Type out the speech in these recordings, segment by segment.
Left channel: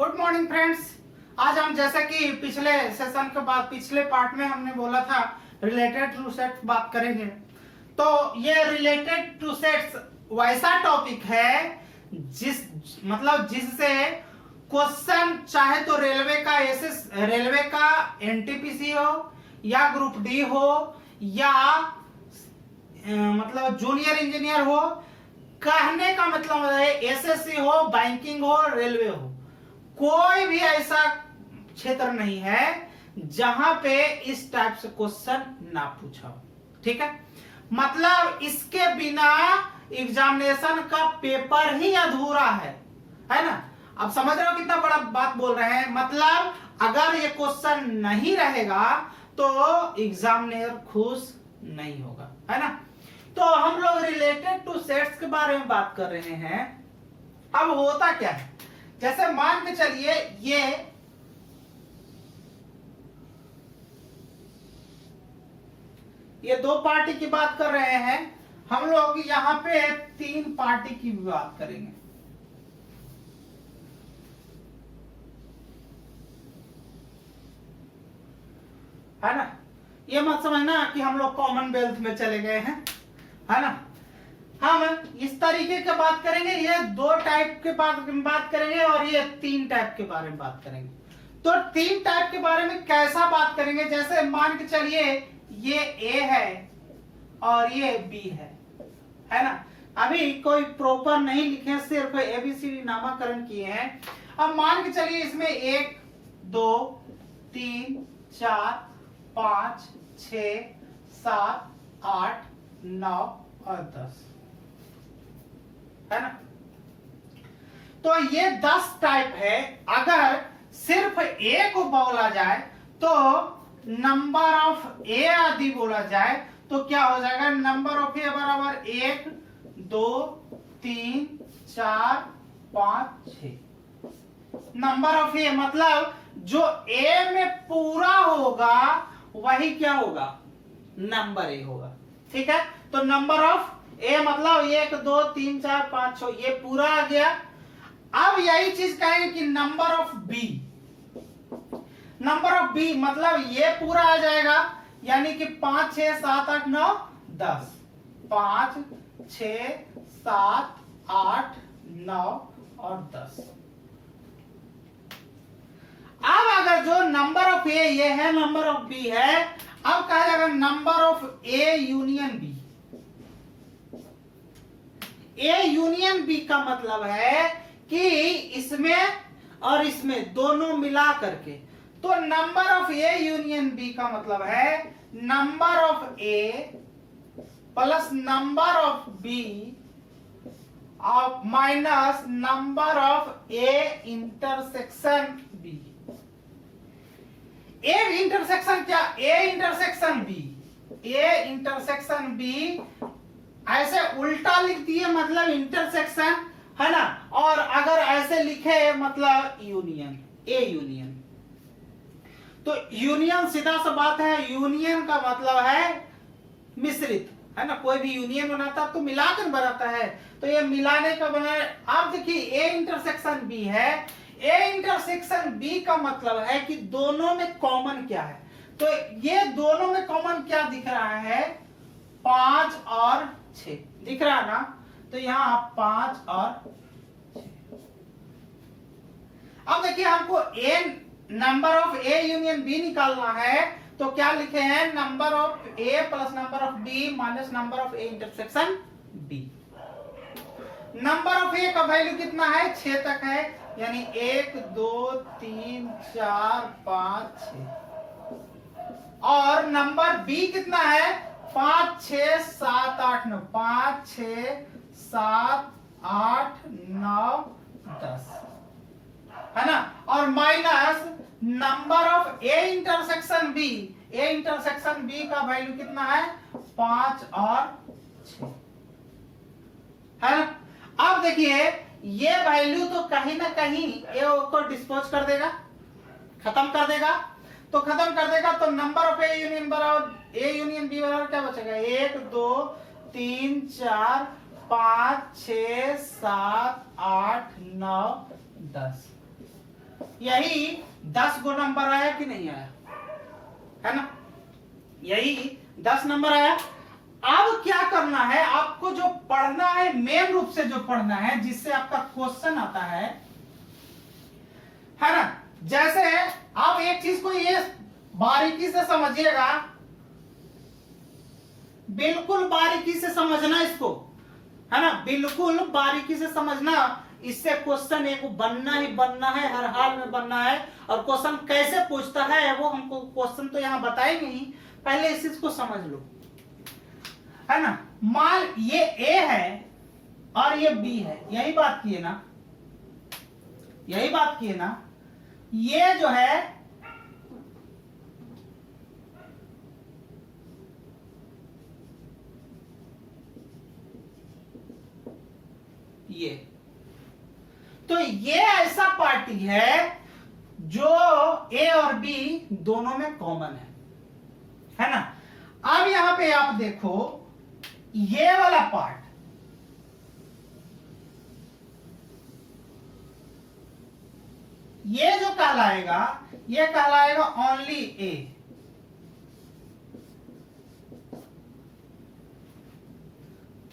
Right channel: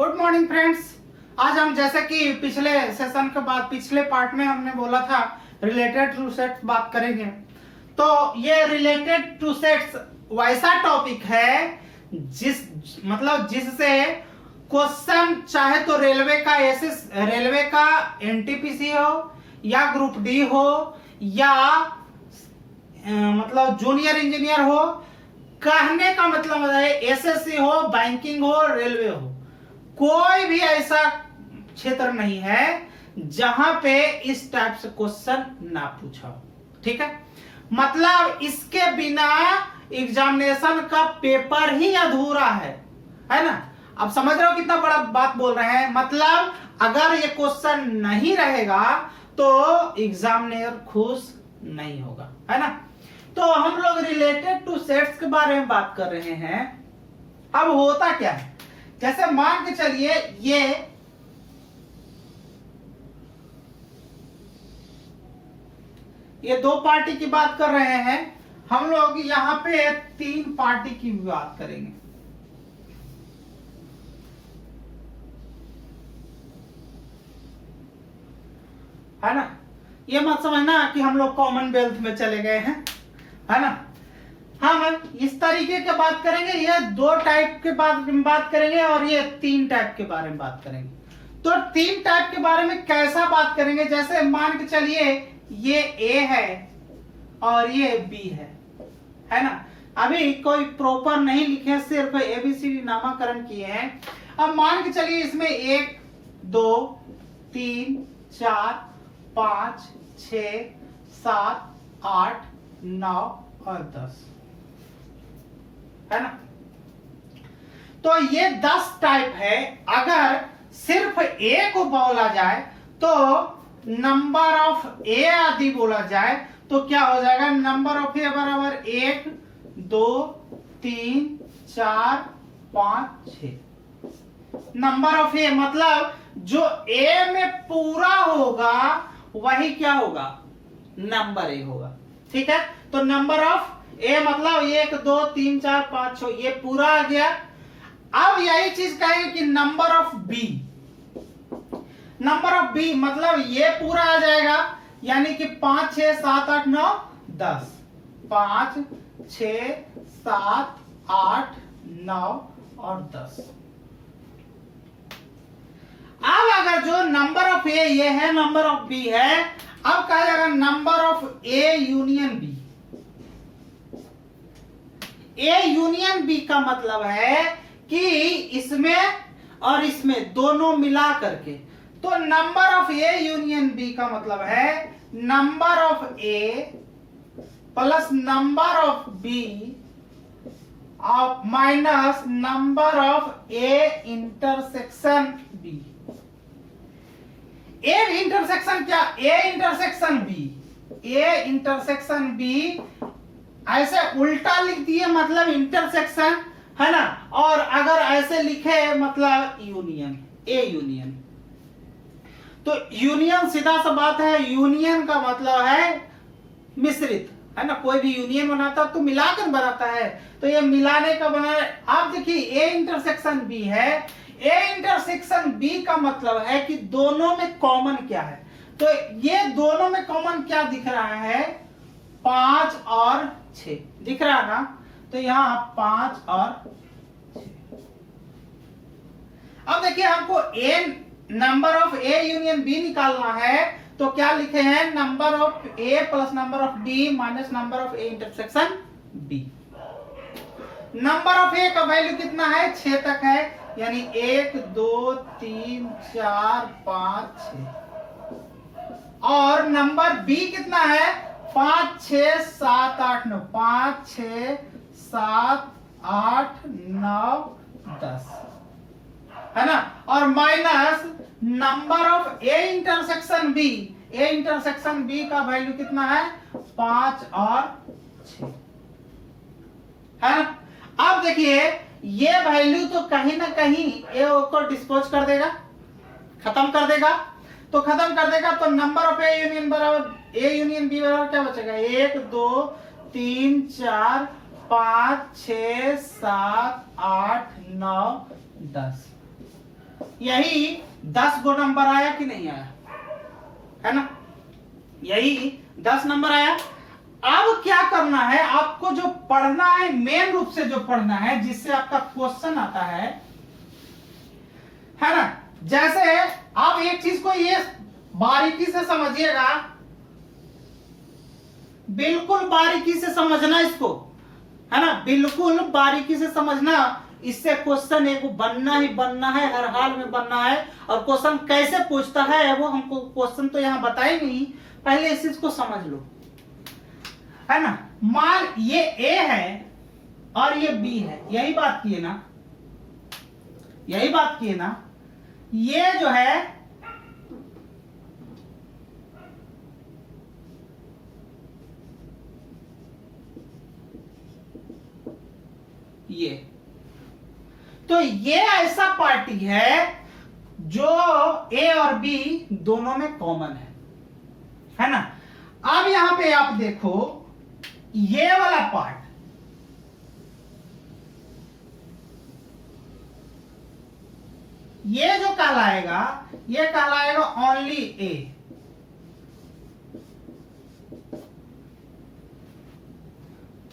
Good morning friends. आज हम जैसे कि पिछले सेशन के बाद पिछले पार्ट में हमने बोला था रिलेटेड टू सेट्स बात करेंगे। तो ये रिलेटेड टू सेट्स वैसा टॉपिक है जिससे क्वेश्चन चाहे तो रेलवे का एनटीपीसी हो या ग्रुप डी हो या जूनियर इंजीनियर हो, कहने का मतलब है एसएससी हो, बैंकिंग हो, रेलवे हो, कोई भी ऐसा क्षेत्र नहीं है जहां पे इस टाइप से क्वेश्चन ना पूछा हो। ठीक है, मतलब इसके बिना एग्जामिनेशन का पेपर ही अधूरा है ना। अब समझ रहे हो कितना बड़ा बात बोल रहे हैं। मतलब अगर ये क्वेश्चन नहीं रहेगा तो एग्जामिनर खुश नहीं होगा, है ना। तो हम लोग रिलेटेड टू सेट्स के बारे में बात कर रहे हैं। अब होता क्या है, जैसे मान के चलिए ये दो पार्टी की बात कर रहे हैं, हम लोग यहां पे तीन पार्टी की भी बात करेंगे। है ना, ये मत समझना कि हम लोग कॉमनवेल्थ में चले गए हैं, है ना। हम इस तरीके की बात करेंगे, ये दो टाइप के बात करेंगे और ये तीन टाइप के बारे में बात करेंगे। तो तीन टाइप के बारे में कैसा बात करेंगे, जैसे मान के चलिए ये ए है और ये बी है ना। अभी कोई प्रॉपर नहीं लिखे, सिर्फ एबीसीडी नामकरण किए हैं। अब मान के चलिए इसमें 1 2 3 4 5 6 7 8 9 और 10, है ना। तो ये 10 टाइप है। अगर सिर्फ ए को बोला जाए तो नंबर ऑफ ए आदि बोला जाए तो क्या हो जाएगा, नंबर ऑफ ए बराबर 1 2 3 4 5 6। नंबर ऑफ ए मतलब जो ए में पूरा होगा वही क्या होगा, नंबर ए होगा। ठीक है, तो नंबर ऑफ ए मतलब 1 2 3 4 5 6 ये पूरा आ गया। अब यही चीज कहेंगे कि नंबर ऑफ बी मतलब ये पूरा आ जाएगा, यानी कि 5 6 7 8 9 10, 5 6 7 8 9 और 10। अब अगर जो नंबर ऑफ ए ये है, नंबर ऑफ बी है, अब कहा जाएगा number of A union B. A union B का मतलब है कि इसमें और इसमें दोनों मिला करके, तो number of A union B का मतलब है number of A plus number of B minus number of A intersection B. A intersection क्या, ए इंटरसेक्शन बी ऐसे उल्टा लिख दिए मतलब इंटरसेक्शन, है ना। और अगर ऐसे लिखे मतलब यूनियन, ए यूनियन। तो यूनियन सीधा सा बात है, यूनियन का मतलब है मिश्रित, है ना। कोई भी यूनियन बनाता तो मिलाकर बनाता है, तो ये मिलाने का बना। आप देखिए ए इंटरसेक्शन बी है, ए इंटरसेक्शन बी का मतलब है कि दोनों में कॉमन क्या है। तो ये दोनों में कॉमन क्या दिख रहा है, 5 और 6 दिख रहा है ना। तो यहां 5 और 6। अब देखिए हमको a number of A union b निकालना है, तो क्या लिखे हैं, number of A plus number of B minus number of A intersection b. Number of a का वैल्यू कितना है, 6 तक है, यानी 1 2 3 4 5 6। और नंबर बी कितना है, 5 6 7 8 9, 5 6 7 8 9 10, है ना। और minus number of A intersection B, A intersection B का वैल्यू कितना है, 5 और 6, है ना। अब देखिए ये वैल्यू तो कहीं ना कहीं ए को डिस्पोज कर देगा, खत्म कर देगा। तो खत्म कर देगा तो number of A union B बराबर क्या बचेगा, 1 2 3 4 5 6 7 8 9 10। यही 10 गो नंबर आया कि नहीं आया, है ना, यही 10 नंबर आया। अब क्या करना है आपको, जो पढ़ना है मेन रूप से जो पढ़ना है, जिससे आपका क्वेश्चन आता है ना। जैसे आप एक चीज को ये बारीकी से समझिएगा, बिल्कुल बारीकी से समझना इसको, है ना, बिल्कुल बारीकी से समझना। इससे क्वेश्चन एक बनना ही बनना है, हर हाल में बनना है। और क्वेश्चन कैसे पूछता है वो हमको क्वेश्चन तो यहां बताएंगे ही, पहले इस चीज को समझ लो, है ना। मान ये ए है और ये बी है, यही बात की है ना, यही बात की है ना। ये जो है ये, तो ये ऐसा पार्टी है जो ए और बी दोनों में कॉमन है ना। अब यहां पे आप देखो ये वाला पार्ट, ये जो कहलाएगा, ये कहलाएगा ओनली ए।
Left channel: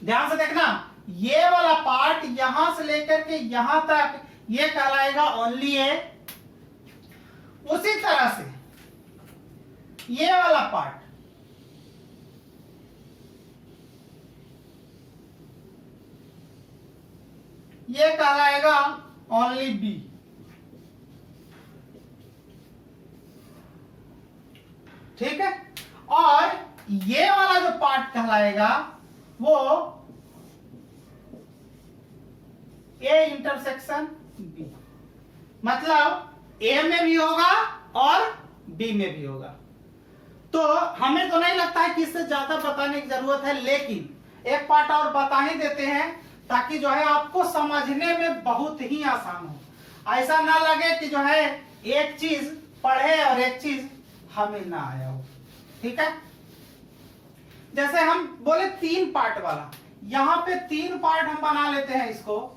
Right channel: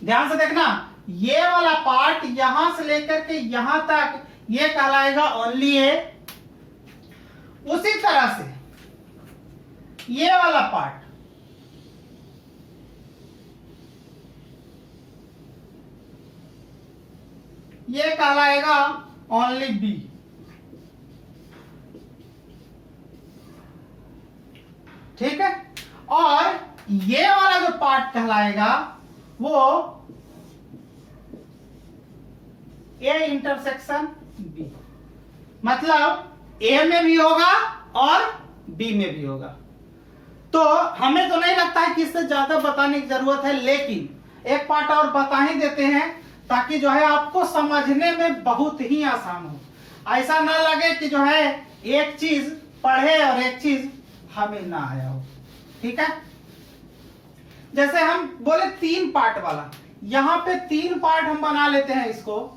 ध्यान से देखना, ये वाला पार्ट यहां से लेकर के यहां तक ये कहलाएगा ओनली ए। उसी तरह से ये वाला पार्ट, ये कहलाएगा ओनली बी। ठीक है, और ये वाला जो पार्ट कहलाएगा वो ए इंटरसेक्शन बी, मतलब ए में भी होगा और बी में भी होगा। तो हमें तो नहीं लगता है कि इससे ज्यादा बताने की जरूरत है, लेकिन एक पार्ट और बता ही देते हैं ताकि जो है आपको समझने में बहुत ही आसान हो। ऐसा ना लगे कि जो है एक चीज पढ़े और एक चीज हमें ना आया हो। ठीक है, जैसे हम बोले 3 पार्ट वाला, यहां पे 3 पार्ट हम बना लेते हैं इसको।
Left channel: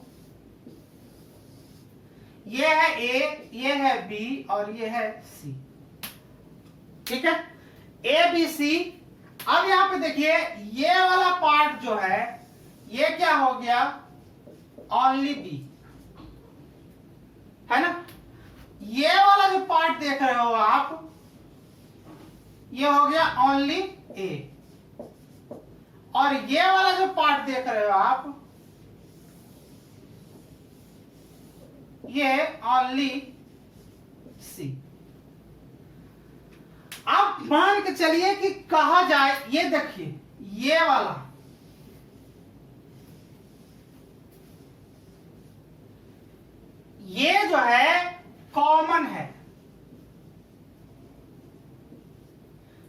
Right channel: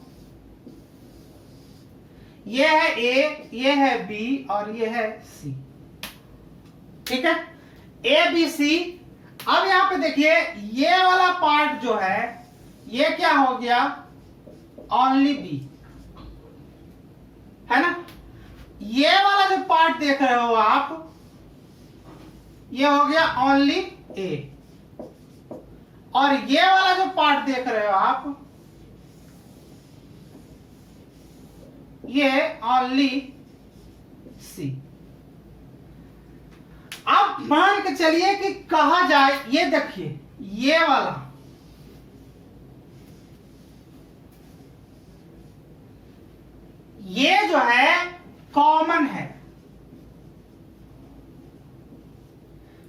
ये है ए, ये है बी और ये है सी। ठीक है, ए बी सी। अब यहां पे देखिए ये वाला पार्ट जो है ये क्या हो गया, ओनली बी, है ना। ये वाला जो पार्ट देख रहे हो आप, ये हो गया ओनली ए, और ये वाला जो पार्ट देख रहे हो आप, ये ओनली सी। अब मान के चलिए कि कहा जाए, ये देखिए ये वाला, ये जो है कॉमन है,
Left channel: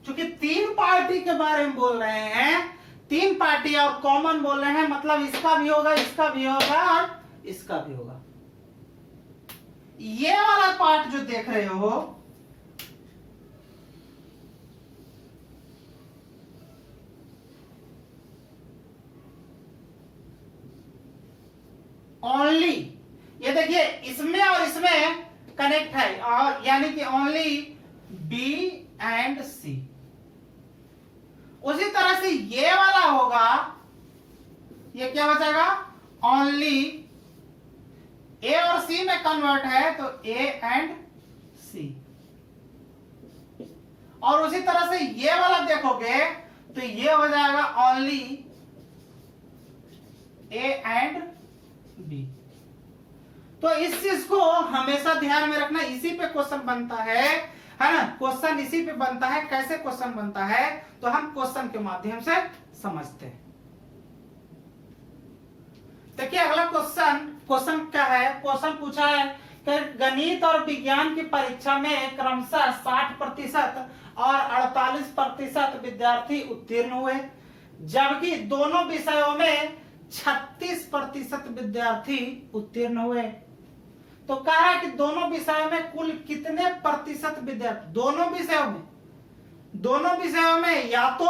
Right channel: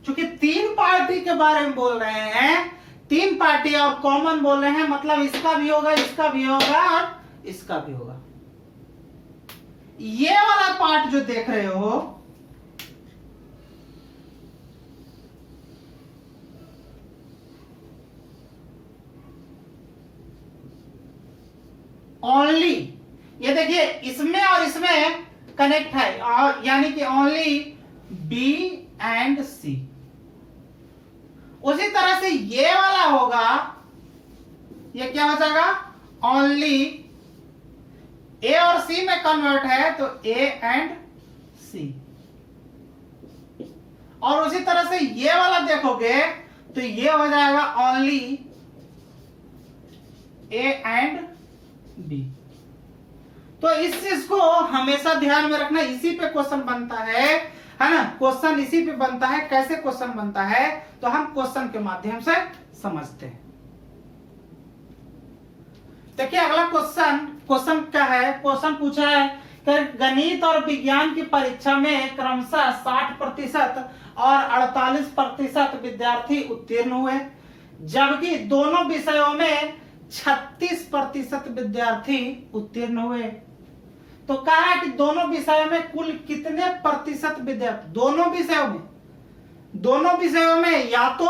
क्योंकि 3 पार्टी के बारे में बोल रहे हैं, 3 पार्टी और कॉमन बोल रहे हैं, मतलब इसका भी होगा, इसका भी होगा और इसका भी होगा। ये वाला पार्ट जो देख रहे हो, ओनली, ये देखिए इसमें और इसमें कनेक्ट है, और यानी कि ओनली बी एंड सी। उसी तरह से ये वाला होगा, ये क्या हो जाएगा, ओनली ए और सी में कन्वर्ट है तो ए एंड सी। और उसी तरह से ये वाला देखोगे तो ये हो जाएगा ओनली ए एंड बी। तो इस चीज को हमेशा ध्यान में रखना, इसी पे क्वेश्चन बनता है ना, क्वेश्चन इसी पे बनता है। कैसे क्वेश्चन बनता है तो हम क्वेश्चन के माध्यम से समझते हैं। देखिए अगला क्वेश्चन क्या है, क्वेश्चन पूछा है कि गणित और विज्ञान की परीक्षा में क्रमशः 60% और 48% विद्यार्थी उत्तीर्ण हुए, जबकि दोनों विषयों में 36% विद्यार्थी उत्तीर्ण हुए। तो कहा है कि दोनों विषयों में कुल कितने प्रतिशत विद्यार्थी, दोनों विषयों में या तो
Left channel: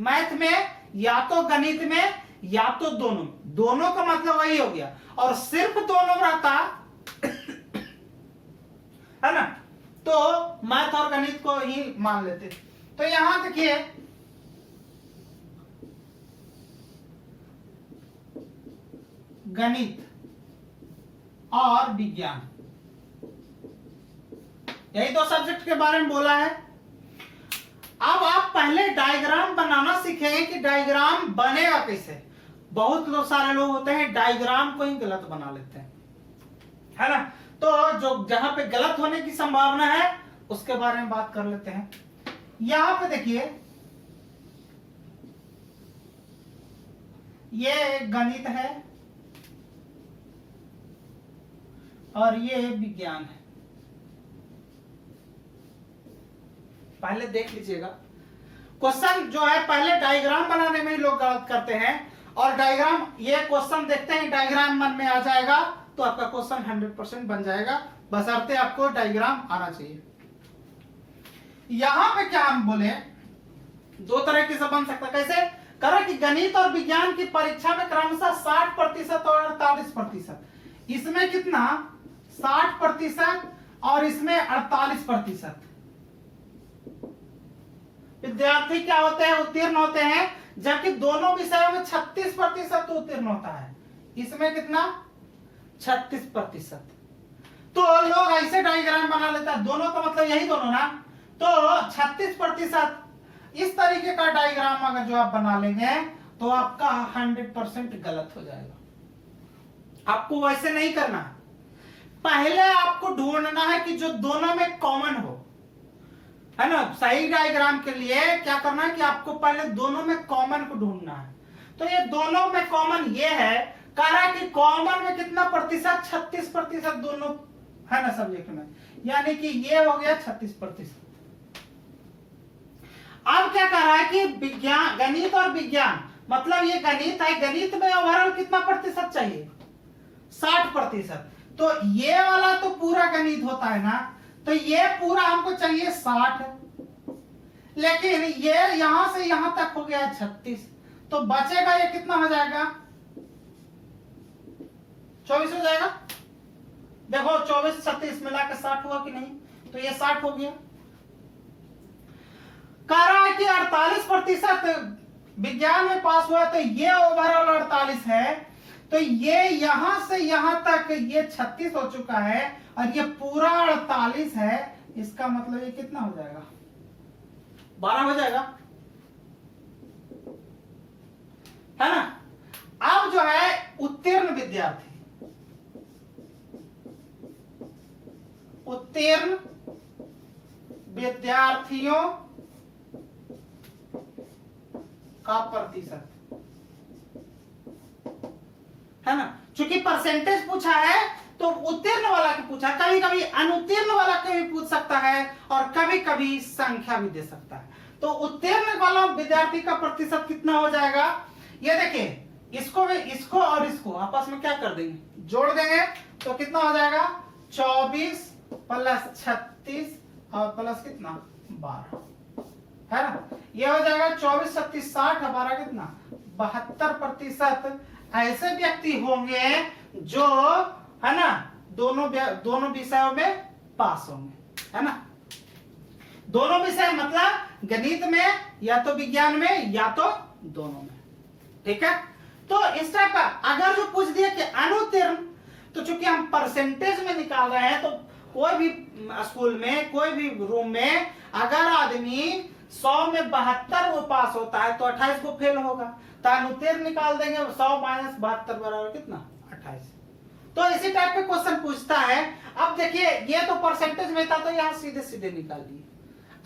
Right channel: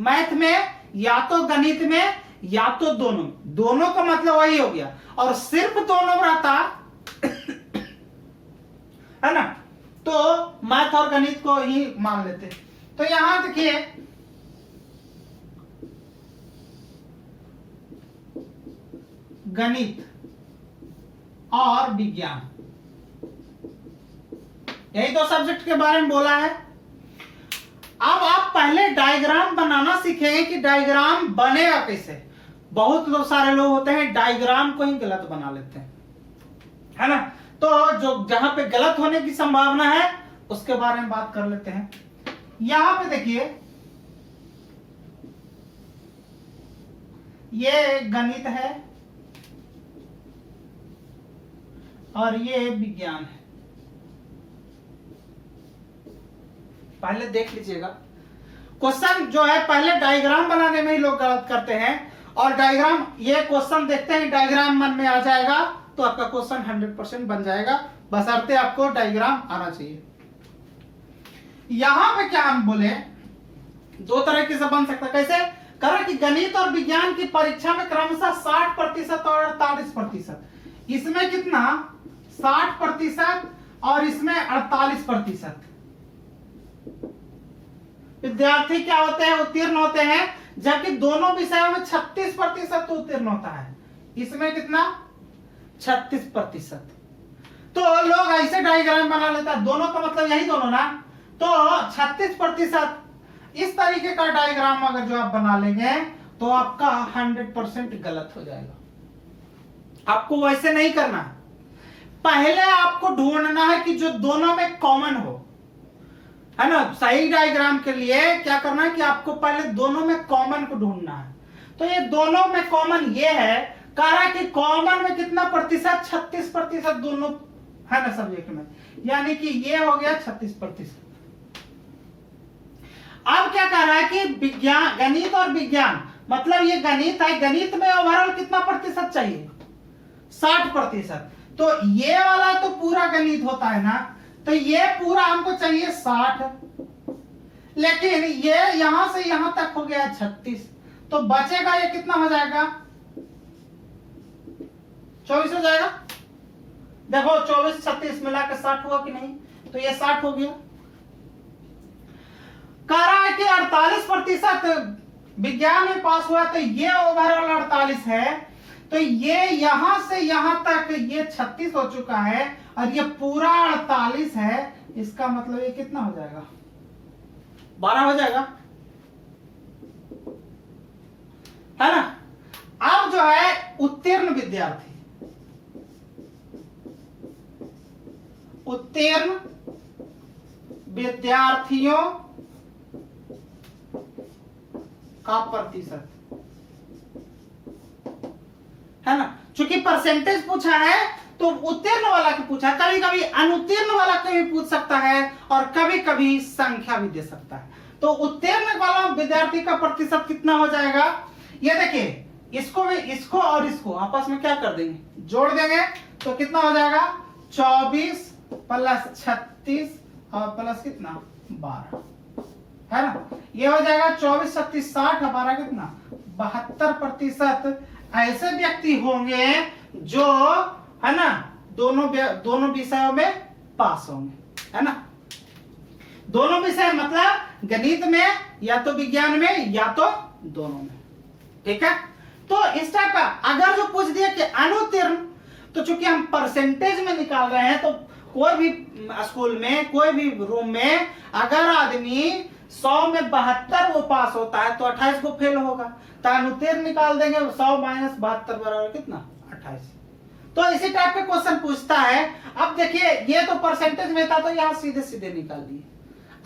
मैथ में या तो गणित में या तो दोनों का मतलब वही हो गया। और सिर्फ दोनों रहता है ना, तो मैथ और गणित को ही मान लेते। तो यहां देखिए गणित और विज्ञान, यही दो सब्जेक्ट के बारे में बोला है। अब आप पहले डायग्राम बनाना सीखेंगे कि डायग्राम बनेगा कैसे। बहुत लोग सारे लोग होते हैं डायग्राम को ही गलत बना लेते हैं, है ना। तो जो जहां पे गलत होने की संभावना है उसके बारे में बात कर लेते हैं। यहां पे देखिए ये गणित है और ये विज्ञान है। पहले देख लीजिएगा, क्वेश्चन जो है पहले डायग्राम बनाने में ही लोग गलत करते हैं, और डायग्राम ये क्वेश्चन देखते हैं डायग्राम मन में आ जाएगा तो आपका क्वेश्चन 100% बन जाएगा, बशर्ते आपको डायग्राम आना चाहिए। यहां पे क्या हम बोले, दो तरीके से बन सकता है। कैसे करा कि गणित और विज्ञान की परीक्षा में क्रमशः 60% और 48%, इसमें कितना 60% और इसमें 48% विद्यार्थी क्या होते हैं, उत्तीर्ण होते हैं, जबकि दोनों विषयों में 36% तो उत्तीर्ण होता है। इसमें कितना 36%। तो लोग ऐसे डायग्राम बना लेता है, दोनों का मतलब यही दोनों ना, तो 36% इस तरीके का डायग्राम अगर जो आप बना लेंगे तो आपका 100% गलत हो जाएगा। आपको वैसे नहीं करना, पहले आपको ढूंढना है कि जो दोनों में कॉमन हो, है ना। सही डायग्राम के लिए क्या करना है कि आपको पहले दोनों में कॉमन को ढूंढना है। तो ये दोनों में कॉमन ये है, कहा कि कॉमन में कितना प्रतिशत, 36% दोनों, है ना, सब्जेक्ट में, यानी कि ये हो गया 36%। अब क्या कर रहा है कि विज्ञान, गणित और विज्ञान, मतलब ये गणित है, गणित में ओवरऑल कितना प्रतिशत चाहिए, 60%। तो ये वाला तो पूरा गणित होता है ना, तो ये पूरा हमको चाहिए 60, लेकिन ये यहां से यहां तक हो गया 36, तो बचेगा ये कितना हो जाएगा, 24 हो जाएगा। देखो 24 36 मिला के 60 हुआ कि नहीं, तो ये 60 हो गया। कह रहा है कि 48% विज्ञान में पास हुआ, तो ये ओवरऑल 48 है, तो ये यहां से यहां तक ये 36 हो चुका है और ये पूरा 48 है। इसका मतलब ये कितना हो जाएगा, 12 हो जाएगा, है ना। अब जो है उत्तीर्ण विद्यार्थी, उत्तीर्ण विद्यार्थियों का प्रतिशत, है ना। चूंकि परसेंटेज पूछा है तो उत्तीर्ण वाला की पूछा, कभी कभी अनुत्तीर्ण वाला को भी पूछ सकता है और कभी कभी संख्या भी दे सकता है। तो उत्तीर्ण वाला विद्यार्थी का प्रतिशत कितना हो जाएगा, ये देखिए, इसको भी, इसको और इसको आपस में क्या कर देंगे, जोड़ देंगे, तो कितना हो जाएगा 24 + 36 और प्लस कितना 12, है ना। ये हो जाएगा 24 36 60, हमारा कितना 72% ऐसे व्यक्ति होंगे जो, है ना, दोनों विषयों में पास होंगे, है ना। दोनों विषय मतलब गणित में या तो विज्ञान में या तो दोनों में, ठीक है। तो इस टाइप का अगर जो पूछ दिया कि अनुत्तीर्ण, तो चूंकि हम परसेंटेज में निकाल रहे हैं, तो कोई भी स्कूल में, कोई भी रूम में अगर आदमी 100 में 72 वो पास होता है तो 28 को फेल होगा, तो अनुत्तीर्ण निकाल देंगे, 100 - 72 बराबर कितना 28। तो इसी टाइप के क्वेश्चन पूछता है। अब देखिए ये तो परसेंटेज में था, तो यहाँ सीधे सीधे निकाल दिए।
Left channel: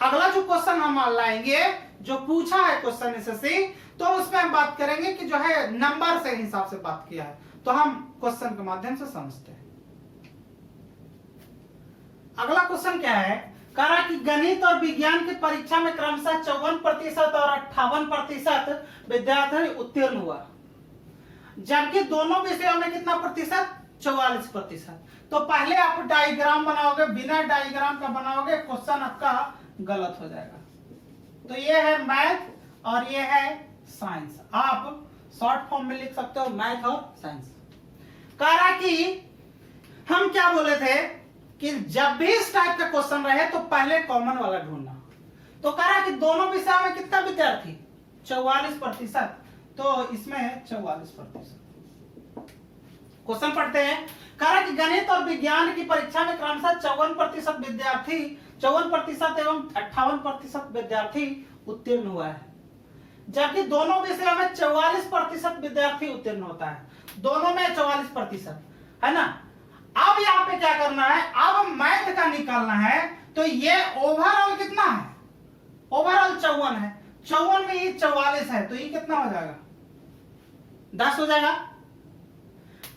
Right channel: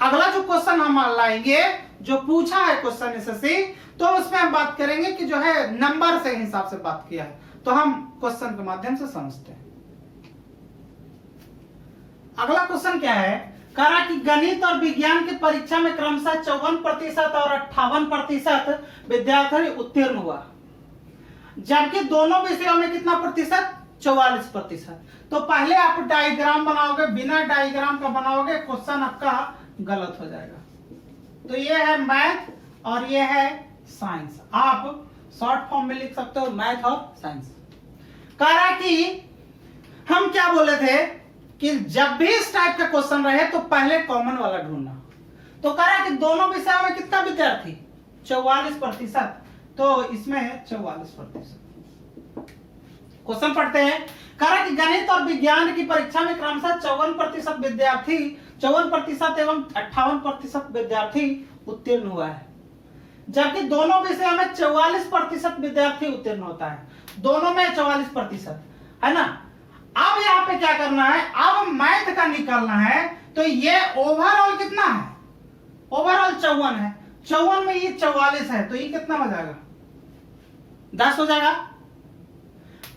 अगला जो क्वेश्चन हम लाएंगे, जो पूछा है क्वेश्चन एसएससी, तो उसमें हम बात करेंगे कि जो है नंबर से हिसाब से बात किया है, तो हम क्वेश्चन के माध्यम से समझते हैं। अगला क्वेश्चन क्या है, कह रहा कि गणित और विज्ञान की परीक्षा में क्रमशः 54% और 58% विद्यार्थी उत्तीर्ण हुआ, जबकि दोनों विषयों में कितना प्रतिशत, 44%। तो पहले आप डायग्राम बनाओगे, बिना डायग्राम का बनाओगे क्वेश्चन आपका गलत हो जाएगा। तो ये है मैथ और ये है साइंस, आप शॉर्ट फॉर्म में लिख सकते हो मैथ और साइंस। कह रहा कि हम क्या बोले थे कि जब भी इस टाइप का क्वेश्चन रहे तो पहले कॉमन वाला ढूंढना। तो कह रहा है कि दोनों विषयों में कितना विद्यार्थी 44%, तो इसमें है 44%। क्वेश्चन पढ़ते हैं। कह रहा है कि गणित और विज्ञान की परीक्षा में क्रमशः 54% विद्यार्थी 54% एवं 58% विद्यार्थी उत्तीर्ण हुआ है, जबकि दोनों विषयों में 44% विद्यार्थी उत्तीर्ण होता है। दोनों में 44% है ना। अब यहाँ पे क्या करना है, अब मैथ का निकालना है। तो ये ओवरऑल कितना है, ओवरऑल 54 है, 54 में ये 44 है, तो ये कितना हो जाएगा 10 हो जाएगा।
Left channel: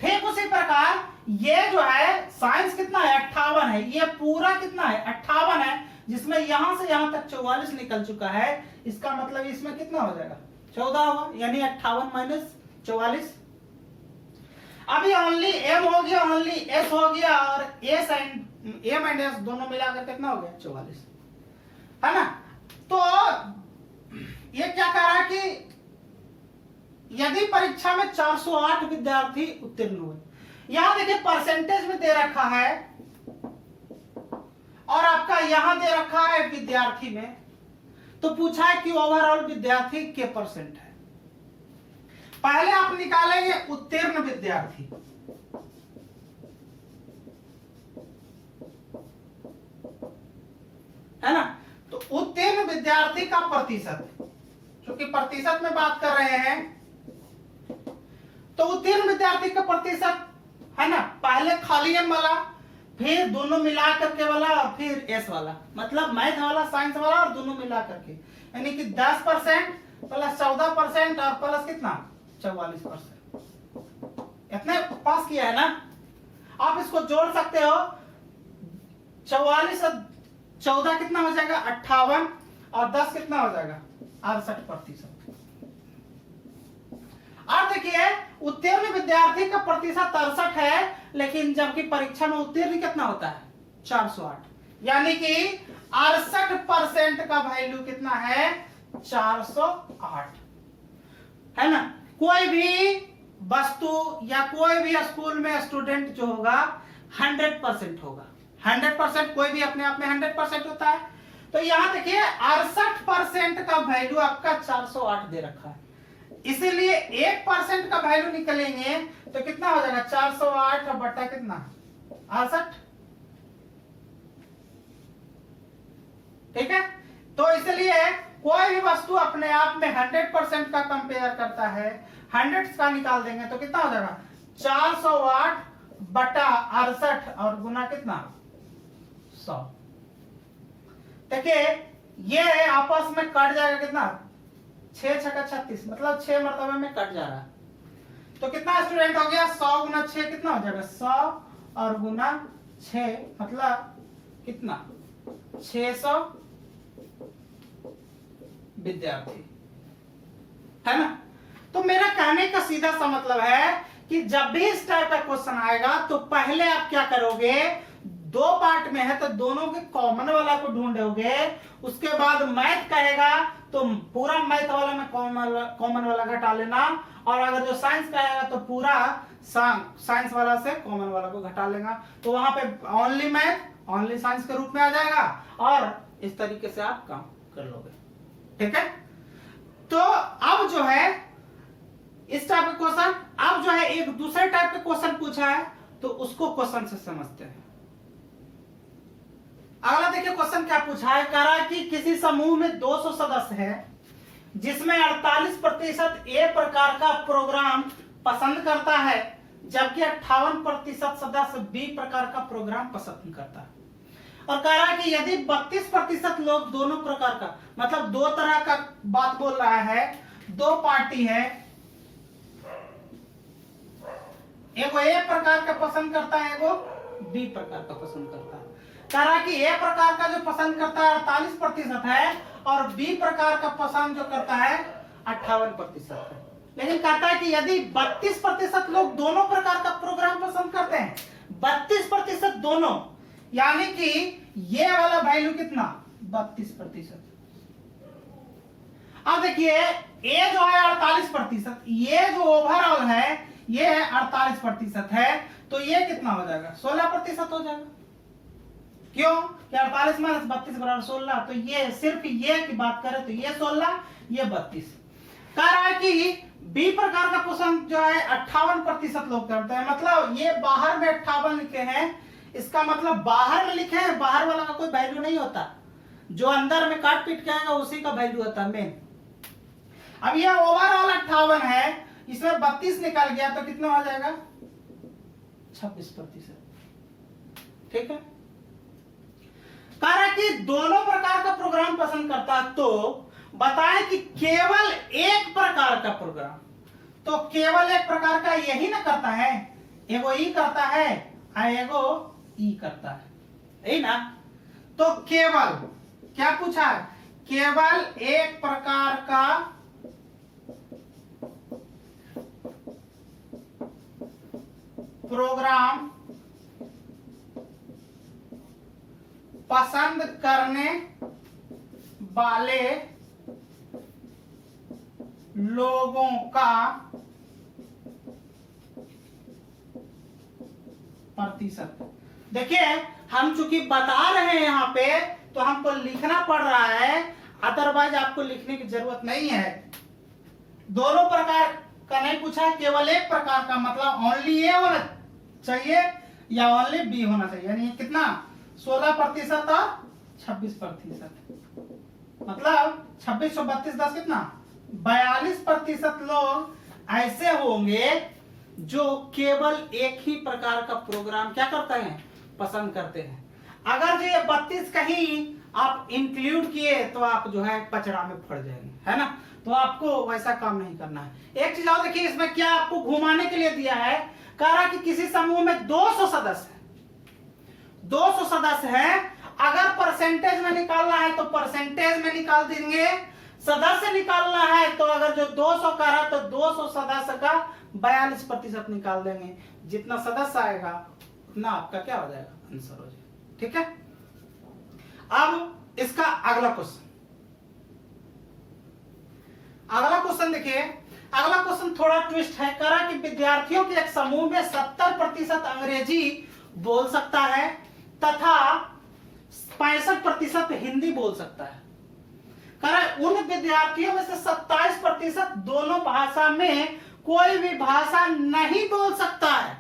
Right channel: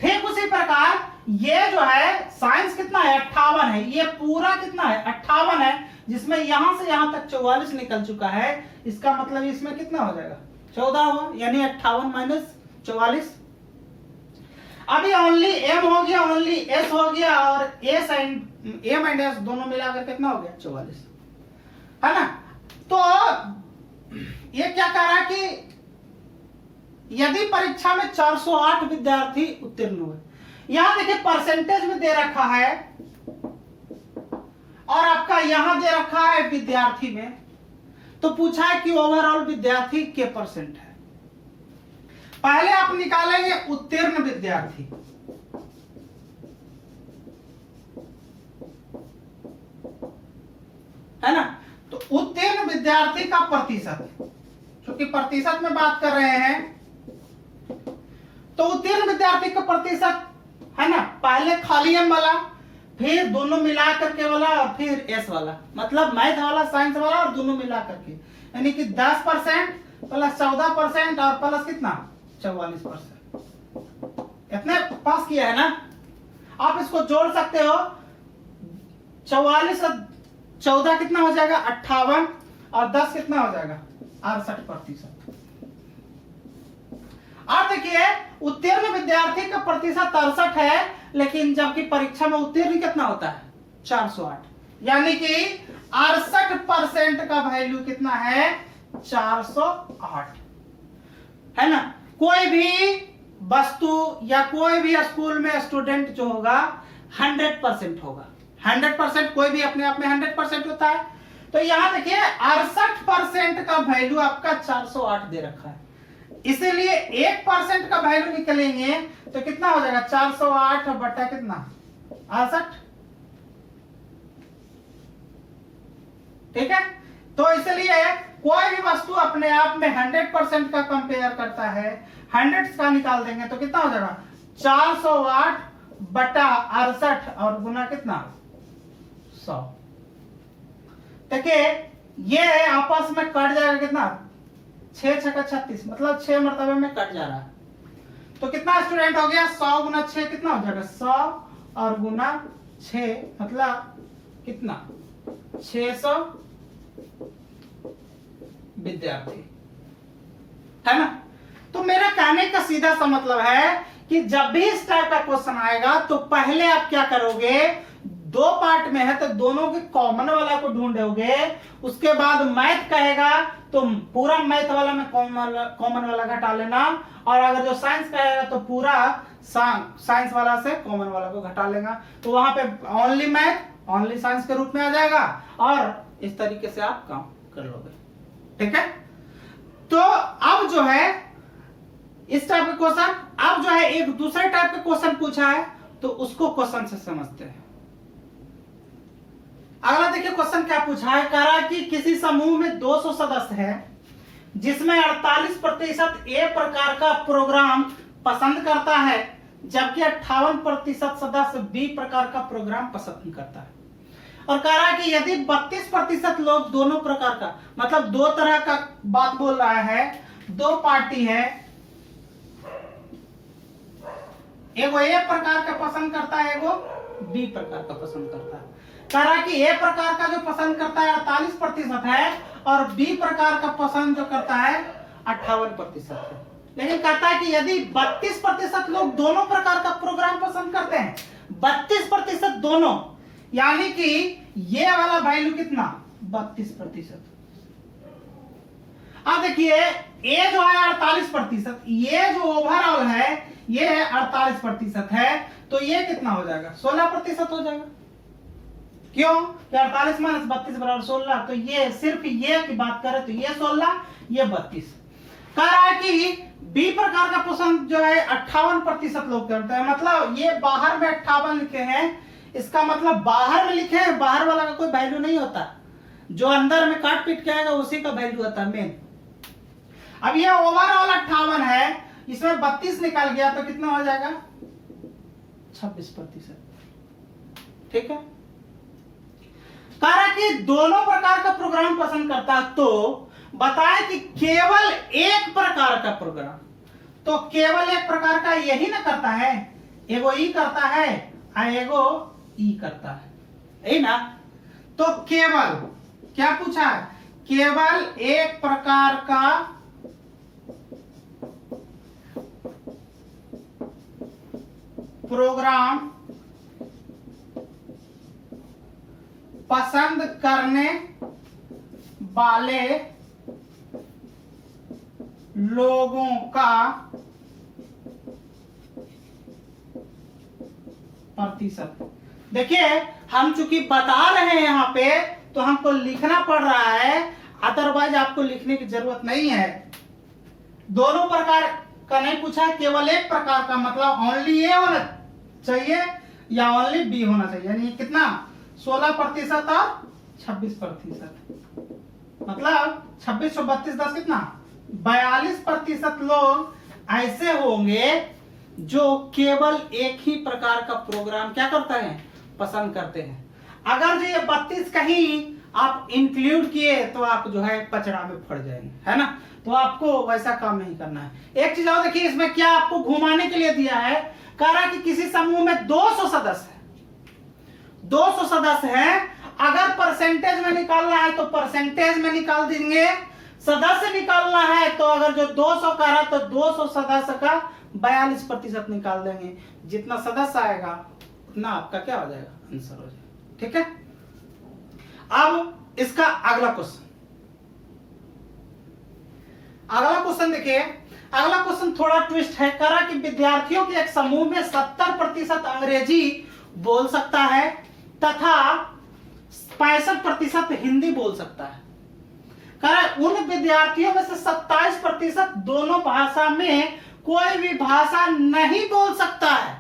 ठीक उसी प्रकार ये जो है साइंस कितना है 58 है, ये पूरा कितना है 58 है, जिसमें यहां से यहां तक 44 निकल चुका है। इसका मतलब इसमें कितना हो जाएगा 14 हुआ, यानी 58 माइनस 44। अभी ओनली एम हो गया, ओनली एस हो गया, और S and M and S दोनों मिलाकर कितना हो गया 44, है ना। तो ये क्या कह रहा है कि यदि परीक्षा में 408 विद्यार्थी उत्तीर्ण हुए, यहां देखिए परसेंटेज में दे रखा है और आपका यहां दे रखा है विद्यार्थी में, तो पूछा है कि ओवरऑल विद्यार्थी के परसेंट है। पहले आप निकालेंगे उत्तीर्ण विद्यार्थी, है ना। तो उत्तीर्ण विद्यार्थी का प्रतिशत, क्योंकि प्रतिशत में बात कर रहे हैं, तो उत्तीर्ण विद्यार्थी का प्रतिशत है ना, पहले खाली एम वाला, फिर दोनों मिला करके वाला, और फिर एस वाला, मतलब मैथ वाला, साइंस वाला, और दोनों मिला करके, यानी कि 10% प्लस 14% और प्लस कितना 44%। इतने पास किया है ना। आप इसको जोड़ सकते हो, 44 और 14 कितना हो जाएगा 58, और 10 कितना हो जाएगा 68%। और देखिए उत्तीर्ण विद्यार्थी का प्रतिशत 63 है, लेकिन जबकि परीक्षा में उत्तीर्ण कितना होता है 408, यानी कि 68% का वैल्यू कितना है 408, है ना। कोई भी वस्तु या कोई भी स्कूल में स्टूडेंट जो होगा 100% होगा। 100% कोई भी अपने आप में 100% होता है। तो यहां देखिए 68% का वैल्यू आपका 408 दे रखा है, इसीलिए 1% का वैल्यू निकलेंगे तो कितना हो जाएगा 408 बटा कितना 68। ठीक है, तो इसलिए कोई भी वस्तु अपने आप में 100% का कंपेयर करता है, 100 का निकाल देंगे तो कितना हो जाएगा 408 बटा 68 और गुना कितना 100। देखिए ये आपस में कट जाएगा कितना 6 छक्का 36, मतलब 6 मरतबे में कट जा रहा है। तो कितना स्टूडेंट हो गया 100 गुना 6 कितना हो जाएगा 100 और गुना 6 मतलब कितना 600 विद्यार्थी, है ना। तो मेरा कहने का सीधा सा मतलब है कि जब भी इस टाइप का क्वेश्चन आएगा तो पहले आप क्या करोगे, 2 पार्ट में है तो दोनों के कॉमन वाला को ढूंढोगे, उसके बाद मैथ कहेगा तो पूरा मैथ वाला में कॉमन वाला घटा लेना, और अगर जो साइंस कहेगा तो पूरा साइंस वाला से कॉमन वाला को घटा लेगा। तो वहां पे ओनली मैथ ओनली साइंस के रूप में आ जाएगा, और इस तरीके से आप काम कर लोगे। ठीक है, तो अब जो है इस टाइप का क्वेश्चन, अब जो है एक दूसरे टाइप का क्वेश्चन पूछा है तो उसको क्वेश्चन से समझते हैं। अगला देखिए क्वेश्चन क्या पूछा है, कह रहा है कि किसी समूह में 200 सदस्य हैं, जिसमें 48% ए प्रकार का प्रोग्राम पसंद करता है, जबकि 58% सदस्य बी प्रकार का प्रोग्राम पसंद करता है। और कह रहा है कि यदि 32% लोग दोनों प्रकार का, मतलब 2 तरह का बात बोल रहा है, 2 पार्टी है, एगो ए प्रकार का पसंद करता है, एगो बी प्रकार का पसंद करता है। कह रहा है कि ए प्रकार का जो पसंद करता है 48% है, और बी प्रकार का पसंद जो करता है 58% है। लेकिन कहता है कि यदि 32% लोग दोनों प्रकार का प्रोग्राम पसंद करते हैं, 32% दोनों, यानी कि ये वाला वैल्यू कितना 32%। अब देखिए ए जो है 48%, ये जो ओवरऑल है ये है 48% है, तो ये कितना हो जाएगा 16% हो जाएगा। क्यों कि 48 माइनस 32 बराबर 16, तो ये सिर्फ ये की बात करें तो ये 16, ये 32। कह रहा है कि बी प्रकार का क्वेश्चन जो है 58% लोग करते हैं, मतलब ये बाहर में 58 लिखे हैं, इसका मतलब बाहर में लिखे हैं, बाहर वाला का कोई वैल्यू नहीं होता, जो अंदर में काट पीट के आएगा उसी का वैल्यू होता है मेन। अब ये ओवरऑल 58 है, इसमें 32 निकाल गया तो कितना हो जाएगा 26%। ठीक है, कह कि दोनों प्रकार का प्रोग्राम पसंद करता है, तो बताएं कि केवल एक प्रकार का प्रोग्राम, तो केवल एक प्रकार का यही ना करता है, एगो ई करता है एगो ई करता है, यही ना। तो केवल क्या पूछा, केवल एक प्रकार का प्रोग्राम पसंद करने वाले लोगों का प्रतिशत। देखिए हम चूंकि बता रहे हैं यहाँ पे तो हमको लिखना पड़ रहा है, अदरवाइज आपको लिखने की जरूरत नहीं है। दोनों प्रकार का नहीं पूछा, केवल एक प्रकार का, मतलब ओनली ए होना चाहिए या ओनली बी होना चाहिए, यानी कितना 16% और 26%, मतलब 26 और 32 10 कितना 42% लोग ऐसे होंगे जो केवल एक ही प्रकार का प्रोग्राम क्या करते हैं, पसंद करते हैं। अगर जो ये 32 कहीं आप इंक्लूड किए तो आप जो है पचड़ा में फट जाएंगे, है ना, तो आपको वैसा काम नहीं करना है। एक चीज और देखिए, इसमें क्या आपको घुमाने के लिए दिया है, कह रहा है कि किसी समूह में 200 सदस्य है, 200 सदस्य हैं, अगर परसेंटेज में निकालना है तो परसेंटेज में निकाल देंगे, सदस्य निकालना है तो अगर जो 200 का रहा तो 200 सदस्य का 42% निकाल देंगे, जितना सदस्य आएगा उतना आपका क्या हो जाएगा, आंसर हो जाएगा। ठीक है, अब इसका अगला क्वेश्चन, अगला क्वेश्चन देखिए, अगला क्वेश्चन थोड़ा ट्विस्ट है। कह रहा कि विद्यार्थियों के एक समूह में 70% अंग्रेजी बोल सकता है तथा 65% हिंदी बोल सकता है। कह रहा उन विद्यार्थियों में से 27% दोनों भाषा में कोई भी भाषा नहीं बोल सकता है।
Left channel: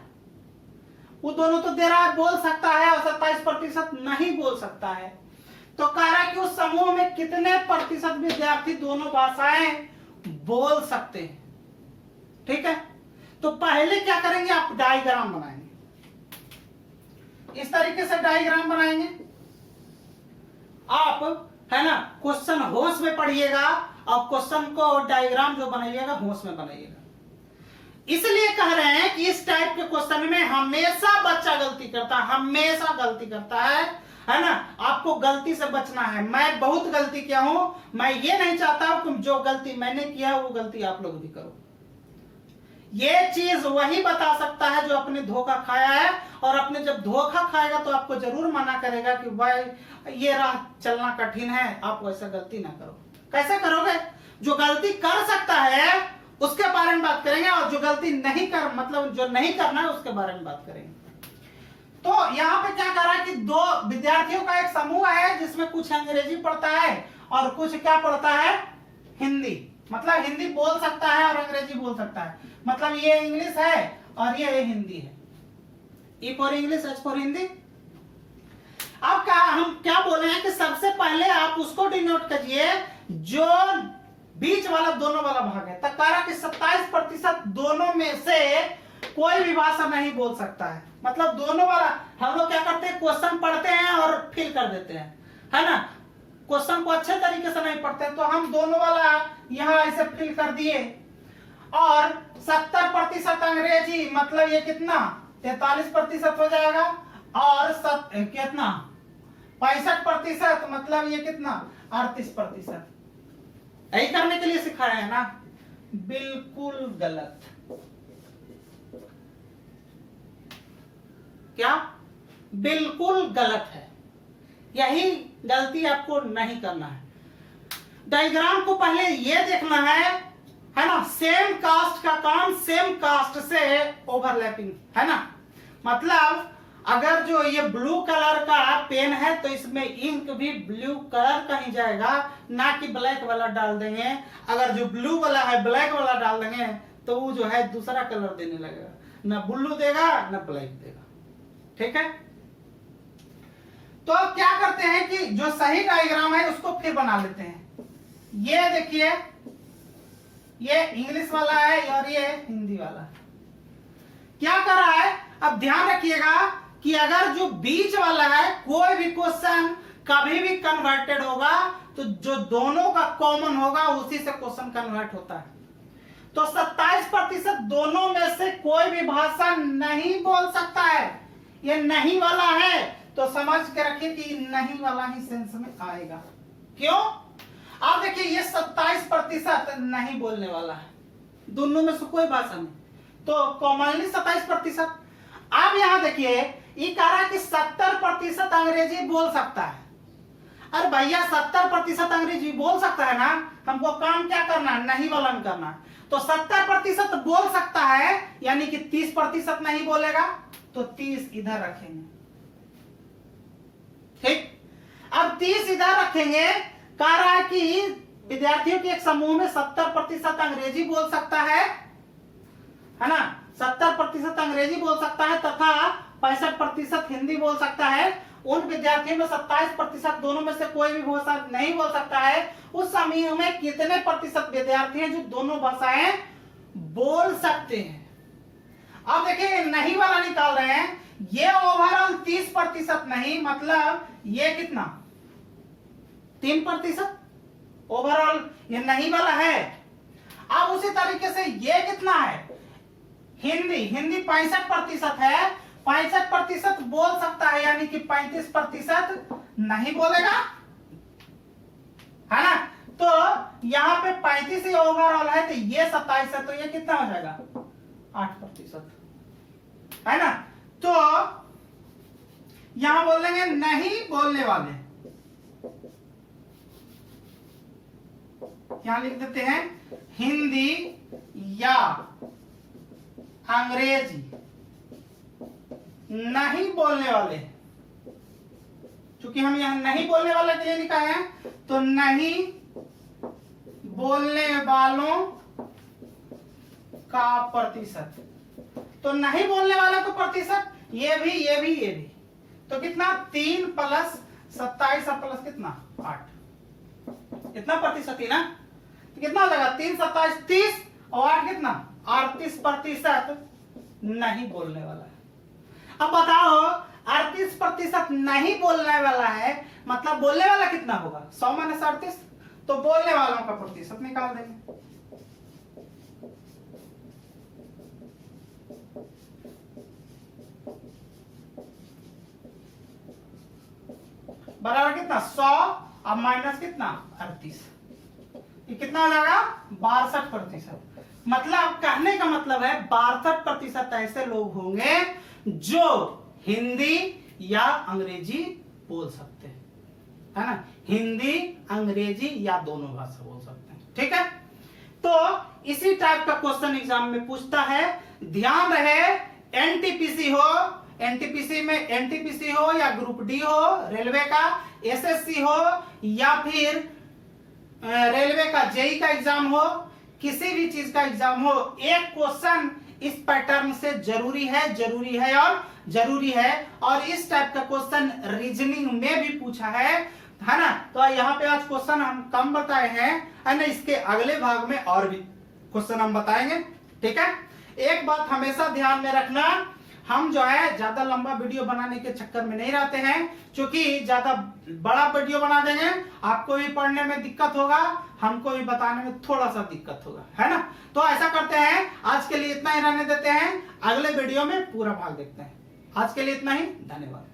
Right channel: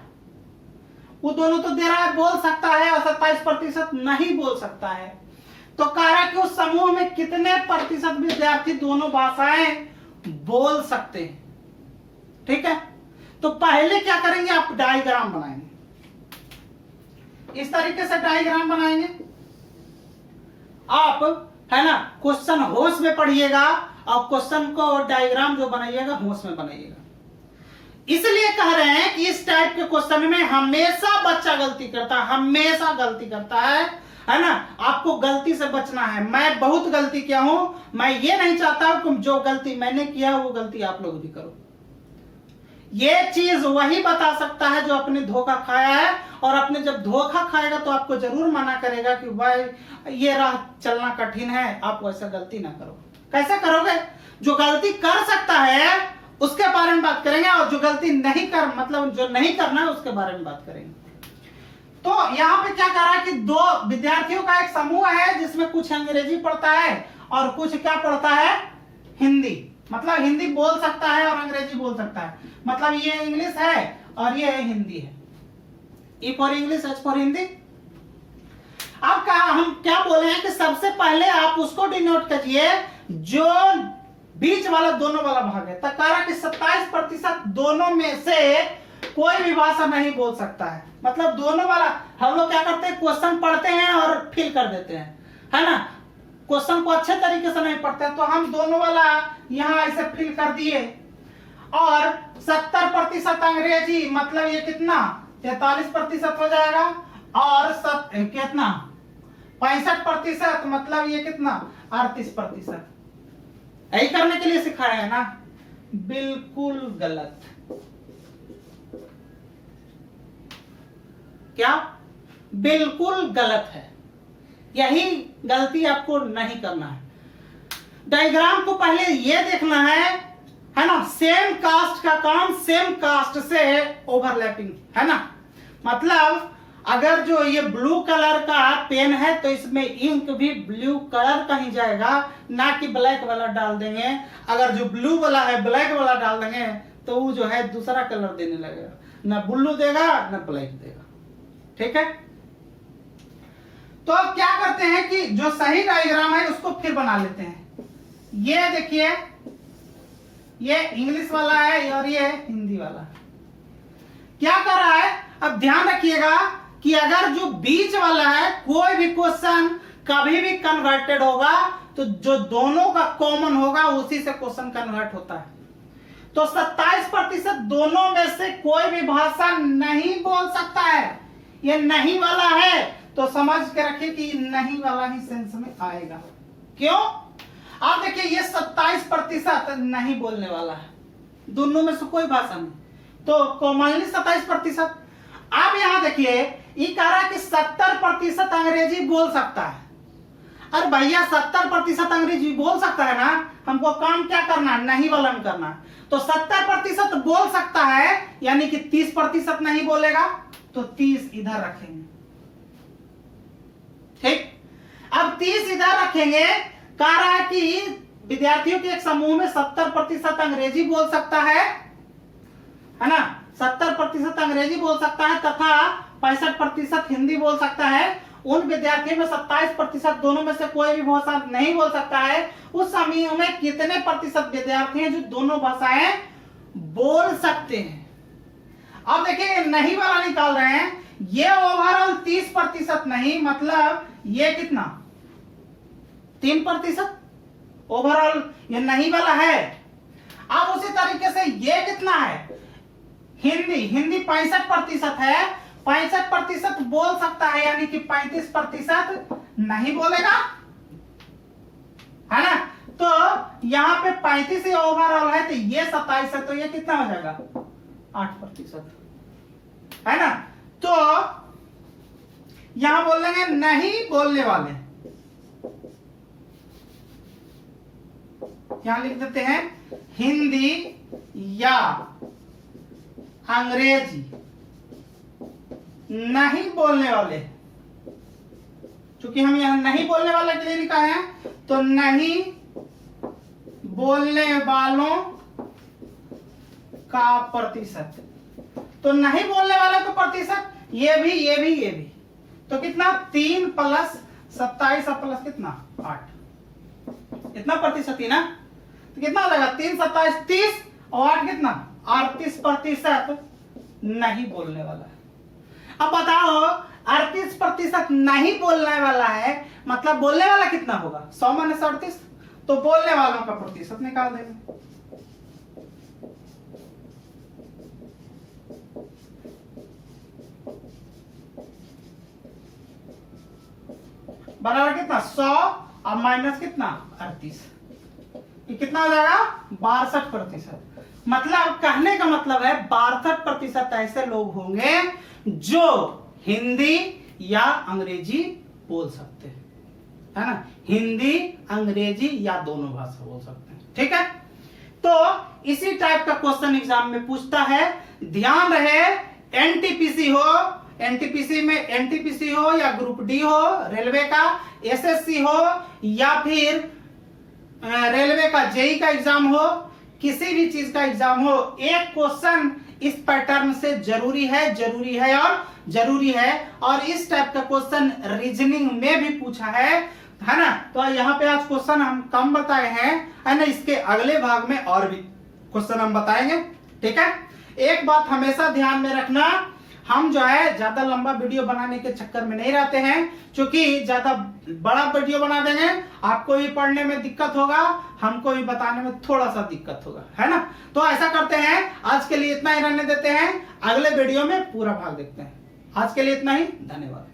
वो दोनों तो दे रहा है बोल सकता है और 27% नहीं बोल सकता है, तो कह रहा है कि उस समूह में कितने प्रतिशत विद्यार्थी दोनों भाषाएं बोल सकते हैं। ठीक है, तो पहले क्या करेंगे, आप डायग्राम बनाएंगे, इस तरीके से डायग्राम बनाएंगे आप, है ना। क्वेश्चन होश में पढ़िएगा और क्वेश्चन को डायग्राम जो बनाइएगा होश में बनाइएगा। इसलिए कह रहे हैं कि इस टाइप के क्वेश्चन में हमेशा बच्चा गलती करता है, हमेशा गलती करता है ना। आपको गलती से बचना है। मैं बहुत गलती किया हूं, मैं ये नहीं चाहता हूं कि जो गलती मैंने किया वो गलती आप लोग भी करो। ये चीज वही बता सकता है जो अपने धोखा खाया है, और अपने जब धोखा खाएगा तो आपको जरूर मना करेगा कि भाई ये राह चलना कठिन है, आप वैसा गलती ना करो। कैसे करोगे, जो गलती कर सकता है उसके बारे में बात करेंगे, और जो गलती नहीं कर मतलब जो नहीं करना है उसके बारे में बात करेंगे। तो यहाँ पे क्या कर रहा है कि दो विद्यार्थियों का एक समूह है जिसमें कुछ अंग्रेजी पढ़ता है और कुछ क्या पढ़ता है, हिंदी। मतलब हिंदी बोल सकता है और अंग्रेजी बोल सकता है, मतलब ये इंग्लिश है और ये हिंदी है। E for English, H for Hindi. अब क्या हम क्या बोले हैं कि सबसे पहले आप उसको डिनोट करिए जो बीच वाला दोनों वाला भाग है। तक कह रहा कि 27% दोनों में से कोई भी भाषा नहीं बोल सकता है। मतलब दोनों वाला हम लोग क्या करते हैं, क्वेश्चन पढ़ते हैं और फिल कर देते हैं, है ना। क्वेश्चन को अच्छे तरीके से नहीं पढ़ते हैं, तो हम दोनों वाला यहाँ ऐसे फिल कर दिए। और 70% अंग्रेजी, मतलब ये कितना 43% हो जाएगा, और कितना 65%, मतलब ये कितना 38%। यही करने के लिए सिखाया है ना, बिल्कुल गलत। क्या, बिल्कुल गलत है, यही गलती आपको नहीं करना है। डायग्राम को पहले ये देखना है ना। सेम कास्ट का काम सेम कास्ट से ओवरलैपिंग, है ना। मतलब अगर जो ये ब्लू कलर का पेन है तो इसमें इंक भी ब्लू कलर का ही जाएगा, ना कि ब्लैक वाला डाल देंगे। अगर जो ब्लू वाला है ब्लैक वाला डाल देंगे तो वो जो है दूसरा कलर देने लगेगा, ना ब्लू देगा ना ब्लैक देगा। ठीक है, तो अब क्या करते हैं कि जो सही डायग्राम है उसको फिर बना लेते हैं। ये देखिए, ये इंग्लिश वाला है और ये हिंदी वाला। क्या कर रहा है, अब ध्यान रखिएगा कि अगर जो बीच वाला है कोई भी क्वेश्चन कभी भी कन्वर्टेड होगा तो जो दोनों का कॉमन होगा उसी से क्वेश्चन कन्वर्ट होता है। तो 27% दोनों में से कोई भी भाषा नहीं बोल सकता है। ये नहीं वाला है तो समझ के रखिए कि नहीं वाला ही सेंस में आएगा। क्यों? आप देखिए, ये 27% नहीं बोलने वाला है, दोनों में से कोई भाषा नहीं, तो कॉमनली 27%। आप यहां देखिए, ये कह रहा है कि 70% अंग्रेजी बोल सकता है। अरे भैया, 70% अंग्रेजी बोल सकता है ना, हमको काम क्या करना है, नहीं वाला में करना है। तो 70% बोल सकता है, यानी कि 30% नहीं बोलेगा, तो 30 इधर रखेंगे। ठीक, अब 30 इधर रखेंगे। कह रहा है कि विद्यार्थियों के एक समूह में 70% अंग्रेजी बोल सकता है ना, 70% अंग्रेजी बोल सकता है तथा 65% हिंदी बोल सकता है। उन विद्यार्थियों में 27% दोनों में से कोई भी भाषा नहीं बोल सकता है। उस समूह में कितने प्रतिशत विद्यार्थी हैं जो दोनों भाषाएं बोल सकते हैं? अब देखिए, नहीं वाला निकाल रहे हैं। ये ओवरऑल 30% नहीं, मतलब ये कितना, 3% ओवरऑल ये नहीं वाला है। अब उसी तरीके से ये कितना है, हिंदी 65% है, 65% बोल सकता है, यानी कि 35% नहीं बोलेगा, है ना। तो यहाँ पे 35 ही ओवरऑल है, तो ये 27 है, तो ये कितना हो जाएगा, 8%, है ना। तो यहां बोलेंगे नहीं बोलने वाले, यहां लिख देते हैं हिंदी या अंग्रेजी नहीं बोलने वाले। चूंकि हम यहां नहीं बोलने वाले के लिए लिखा है, तो नहीं बोलने वालों का प्रतिशत, तो नहीं बोलने वाले को प्रतिशत, ये भी, तो कितना, 3 + 27 प्लस कितना, 8, इतना प्रतिशत ही ना। तो कितना हो जाएगा, 3 + 27 30 और 8 कितना, 38% नहीं बोलने वाला है। अब बताओ, 38% नहीं बोलने वाला है, मतलब बोलने वाला कितना होगा, 100 - 38, तो बोलने वालों का प्रतिशत निकाल देंगे। बराबर कितना, 100 और माइनस कितना, 38, ये कितना हो जाएगा, 62%। मतलब कहने का मतलब है 62% ऐसे लोग होंगे जो हिंदी या अंग्रेजी बोल सकते हैं, है ना, हिंदी अंग्रेजी या दोनों भाषा बोल सकते हैं। ठीक है, तो इसी टाइप का क्वेश्चन एग्जाम में पूछता है। ध्यान रहे, एनटीपीसी हो, एनटीपीसी में एनटीपीसी हो या ग्रुप डी हो, रेलवे का एसएससी हो या फिर रेलवे का जेई का एग्जाम हो, किसी भी चीज का एग्जाम हो, एक क्वेश्चन इस पैटर्न से जरूरी है और इस टाइप का क्वेश्चन रीजनिंग में भी पूछा है ना। तो यहाँ पे आज क्वेश्चन हम कम बताए हैं, है ना, इसके अगले भाग में और भी क्वेश्चन हम बताएंगे। ठीक है, एक बात हमेशा ध्यान में रखना, हम जो है ज्यादा लंबा वीडियो बनाने के चक्कर में नहीं रहते हैं, क्योंकि ज्यादा बड़ा वीडियो बना देंगे आपको भी पढ़ने में दिक्कत होगा, हमको भी बताने में थोड़ा सा दिक्कत होगा, है ना। तो ऐसा करते हैं, आज के लिए इतना ही रहने देते हैं, अगले वीडियो में पूरा भाग देखते हैं। आज के लिए इतना ही, धन्यवाद।